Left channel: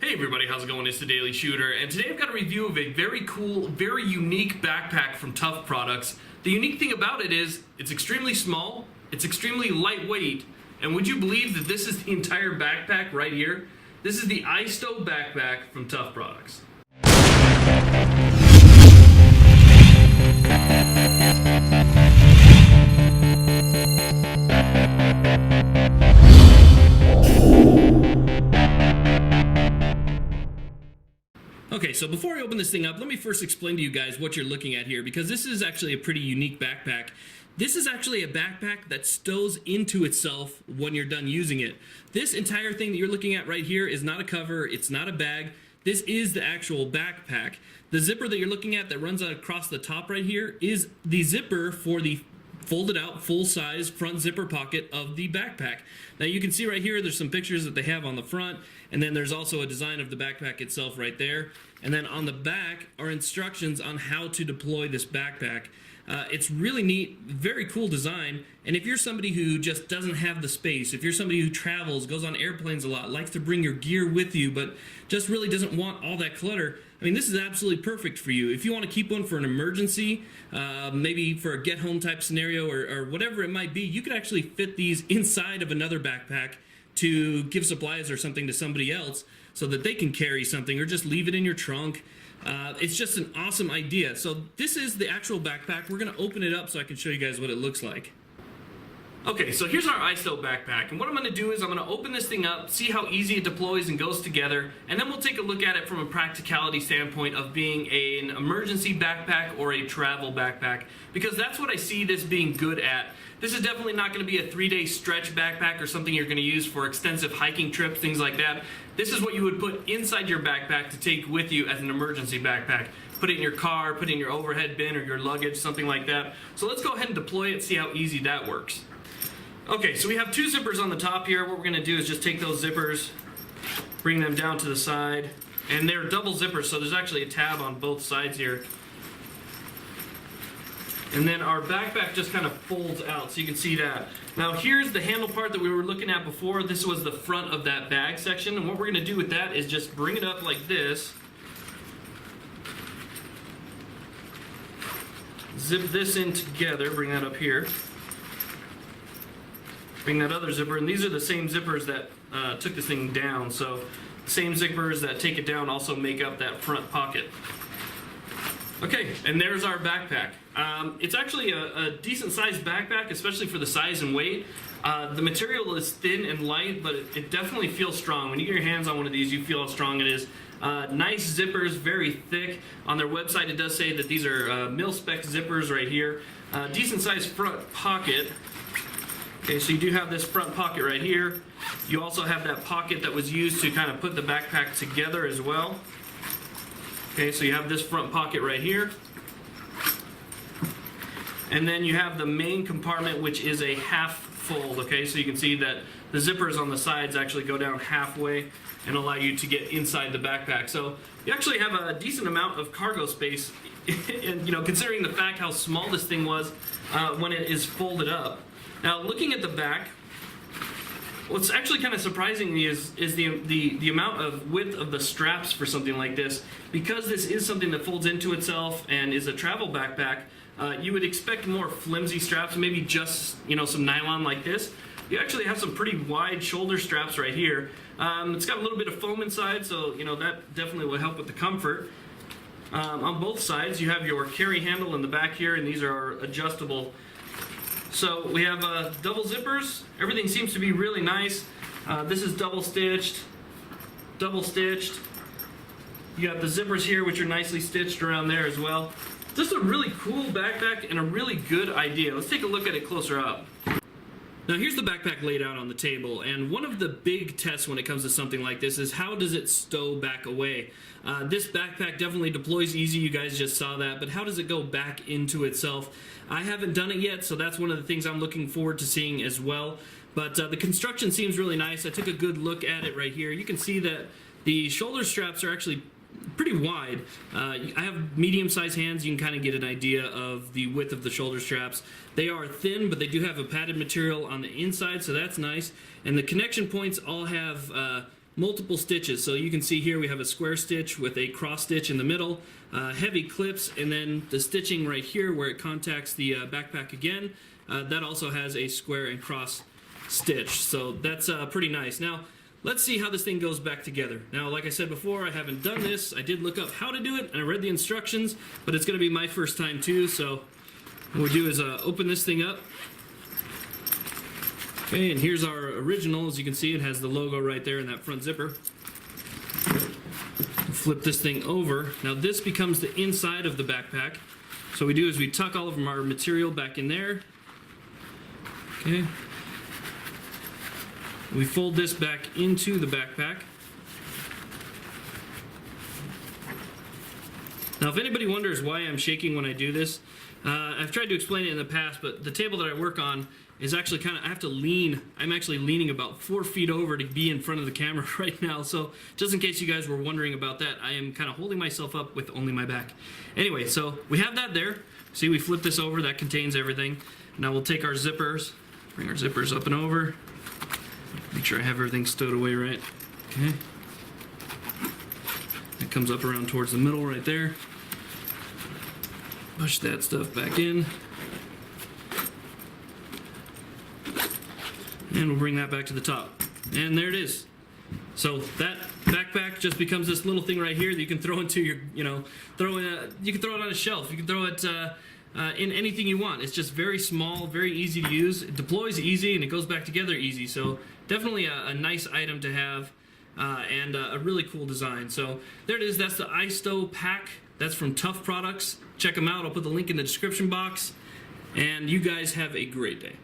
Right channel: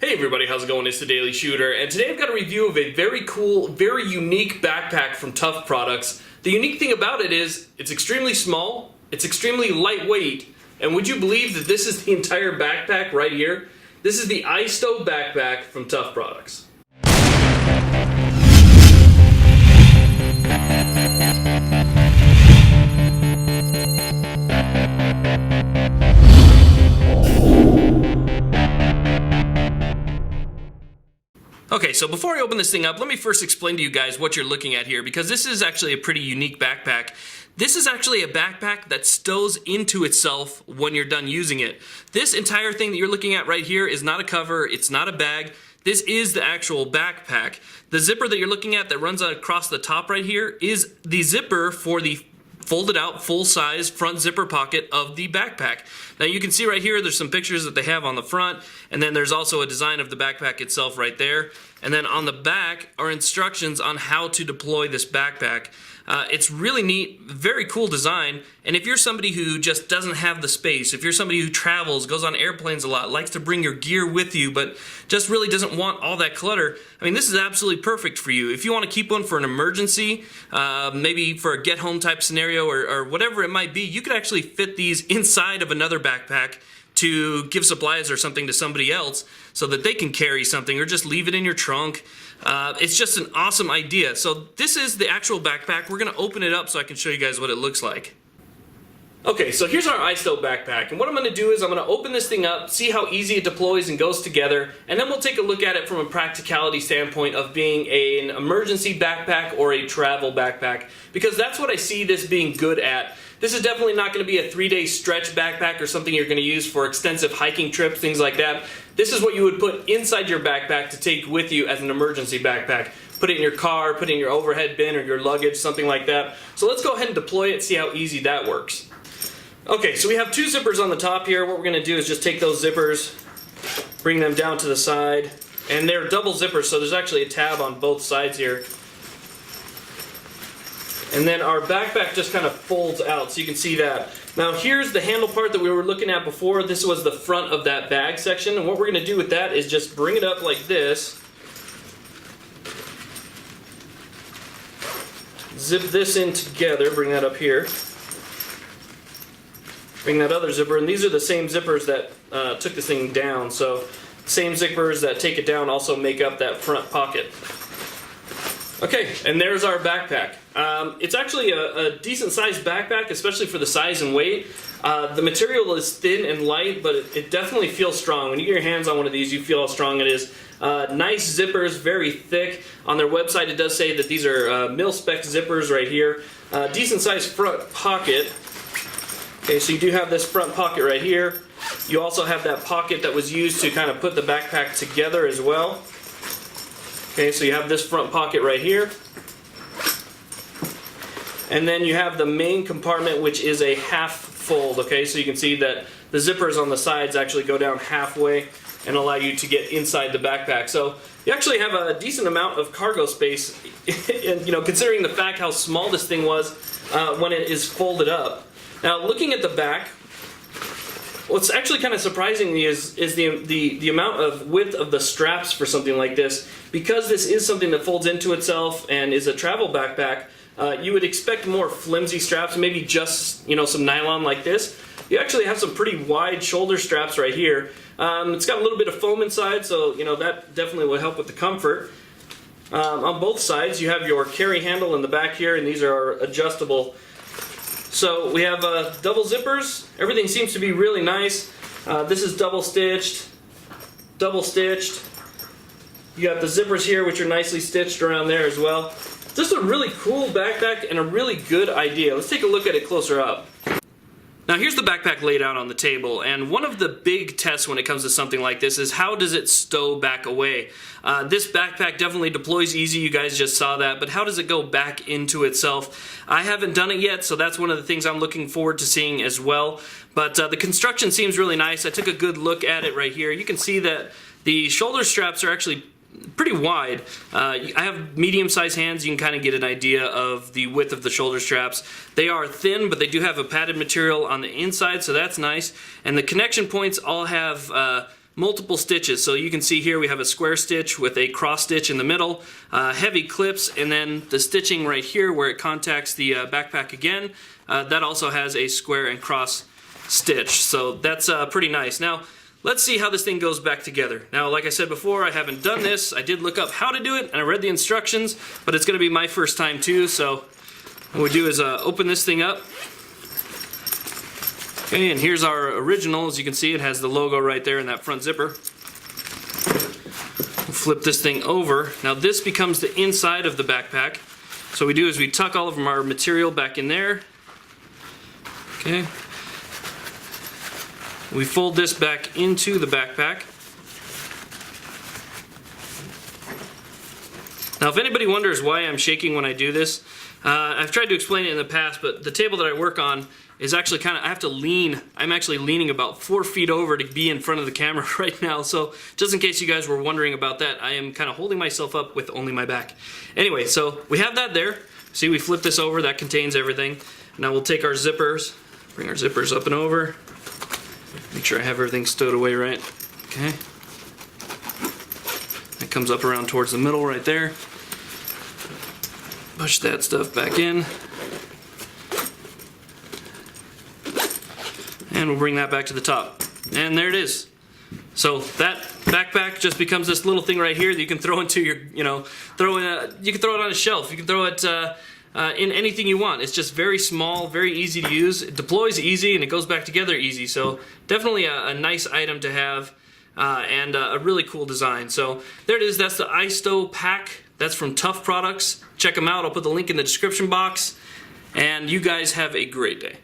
Hey everybody, how's it going? It's the Daily Shooter, and today I've got a review of a very cool, very unique backpack from Tuff Products. The unique thing about it is, it's extremely small, it's extremely lightweight, and would you believe that this is the entire backpack right here? This is the Stow backpack from Tuff Products. Okay, so before I open this thing up, let me first explain to you guys what you're looking at here, because this is actually a pretty unique backpack. This is actually a backpack that stows into itself when you're done using it. This entire thing that you're looking at right here is not a cover, it's not a bag. This is the actual backpack. The zipper that you're looking at that runs across the top right here is the zipper for the folded out full-size front zipper pocket of the backpack. Now you can see right here there's some pictures that they have on the front, and then there's also a design of the backpack itself right there, and then on the back are instructions on how to deploy this backpack. It's really neat, very cool design, and if you're somebody who just doesn't have the space, if you're somebody who travels, goes on airplanes a lot, likes to bring your gear with you, but just really doesn't want all that clutter, I mean, this is absolutely perfect for you. If you want to keep one for an emergency, maybe for a get-home type scenario or whatever it might be, you could actually fit these inside of another backpack to give supplies or something to somebody else so that they can carry something, or just leave it in your trunk. It's just an awesome idea. So this is the actual backpack. We're going to open it up so I can show you guys what it looks like. Okay, so here's our Stow backpack, and what I'm going to do is I'm going to open this thing up, see how easy it deploys and goes together, and then we'll take a look at it from a practicality standpoint of being an emergency backpack or a travel backpack, because that's what I see this being good at. This is definitely not going to be a 3-day stretch backpack or something you're going to use for extensive hiking trips, things like that. This is what you would put inside your backpack to take with you as an emergency backpack. Put it in your car, put it in your overhead bin or your luggage, something like that. So let's go ahead and deploy it, see how easy that works. Okay, so we have two zippers on the top here. What we're going to do is just take those zippers, bring them down to the side, and they're double zippers, so there's actually a tab on both sides here. And then our backpack just kind of folds out, so you can see that. Now here's the handle part that we were looking at before. This was the front of that bag section, and what we're going to do with that is just bring it up like this. Zip this in together, bring that up here. Bring that other zipper, and these are the same zippers that took this thing down, so the same zippers that take it down also make up that front pocket. Okay, and there's our backpack. It's actually a decent sized backpack, especially for the size and weight. The material is thin and light, but it definitely feels strong. When you get your hands on one of these, you feel how strong it is. Nice zippers, very thick. On their website it does say that these are mil-spec zippers right here. Decent sized front pocket. Okay, so you do have this front pocket right here. You also have that pocket that was used to kind of put the backpack together as well. Okay, so you have this front pocket right here. And then you have the main compartment, which is a half fold. Okay, so you can see that the zippers on the sides actually go down halfway and allow you to get inside the backpack. So you actually have a decent amount of cargo space, and, you know, considering the fact how small this thing was when it is folded up. Now, looking at the back, what's actually kind of surprising me is the amount of width of the straps for something like this. Because this is something that folds into itself and is a travel backpack, you would expect more flimsy straps, maybe just, you know, some nylon like this. You actually have some pretty wide shoulder straps right here. It's got a little bit of foam inside, so, you know, that definitely will help with the comfort. On both sides, you have your carry handle in the back here, and these are adjustable. So we have double zippers. Everything seems to be really nice. This is double stitched. You got the zippers here, which are nicely stitched around there as well. This is a really cool backpack and a really good idea. Let's take a look at it closer up. Now here's the backpack laid out on the table, and one of the big tests when it comes to something like this is how does it stow back away? This backpack definitely deploys easy, you guys just saw that, but how does it go back into itself? I haven't done it yet, so that's one of the things I'm looking forward to seeing as well. But the construction seems really nice. I took a good look at it right here. You can see that the shoulder straps are actually pretty wide. I have medium-sized hands. You can kind of get an idea of the width of the shoulder straps. They are thin, but they do have a padded material on the inside, so that's nice. And the connection points all have multiple stitches. So you can see here we have a square stitch with a cross stitch in the middle, heavy clips, and then the stitching right here where it contacts the backpack again, that also has a square and cross stitch. So that's pretty nice. Now let's see how this thing goes back together. Now, like I said before, I haven't done this. I did look up how to do it and I read the instructions, but it's going to be my first time too. So what we do is open this thing up. Okay, and here's our original. As you can see, it has the logo right there in that front zipper. We'll flip this thing over. Now this becomes the inside of the backpack. So what we do is we tuck all of our material back in there. Okay. We fold this back into the backpack. Now if anybody wonders why I'm shaking when I do this, I've tried to explain it in the past, but the table that I work on is actually I have to lean. I'm actually leaning about 4 feet over to be in front of the camera right now. So just in case you guys were wondering about that, I am kind of holding myself up with only my back. Anyway, so we have that there. See, we flip this over, that contains everything. Now we'll take our zippers, bring our zippers up and over. Make sure I have everything stowed away right. Okay. That comes up around towards the middle right there. Push that stuff back in. And we'll bring that back to the top. And there it is. So that backpack just becomes this little thing right here that you can throw into your, you can throw it on a shelf. You can throw it in anything you want. It's just very small, very easy to use. It deploys easy and it goes back together easy. So definitely a nice item to have and a really cool design. So there it is. That's the Stow Pack. That's from Tuff Products. Check them out. I'll put the link in the description box. And you guys have a great day.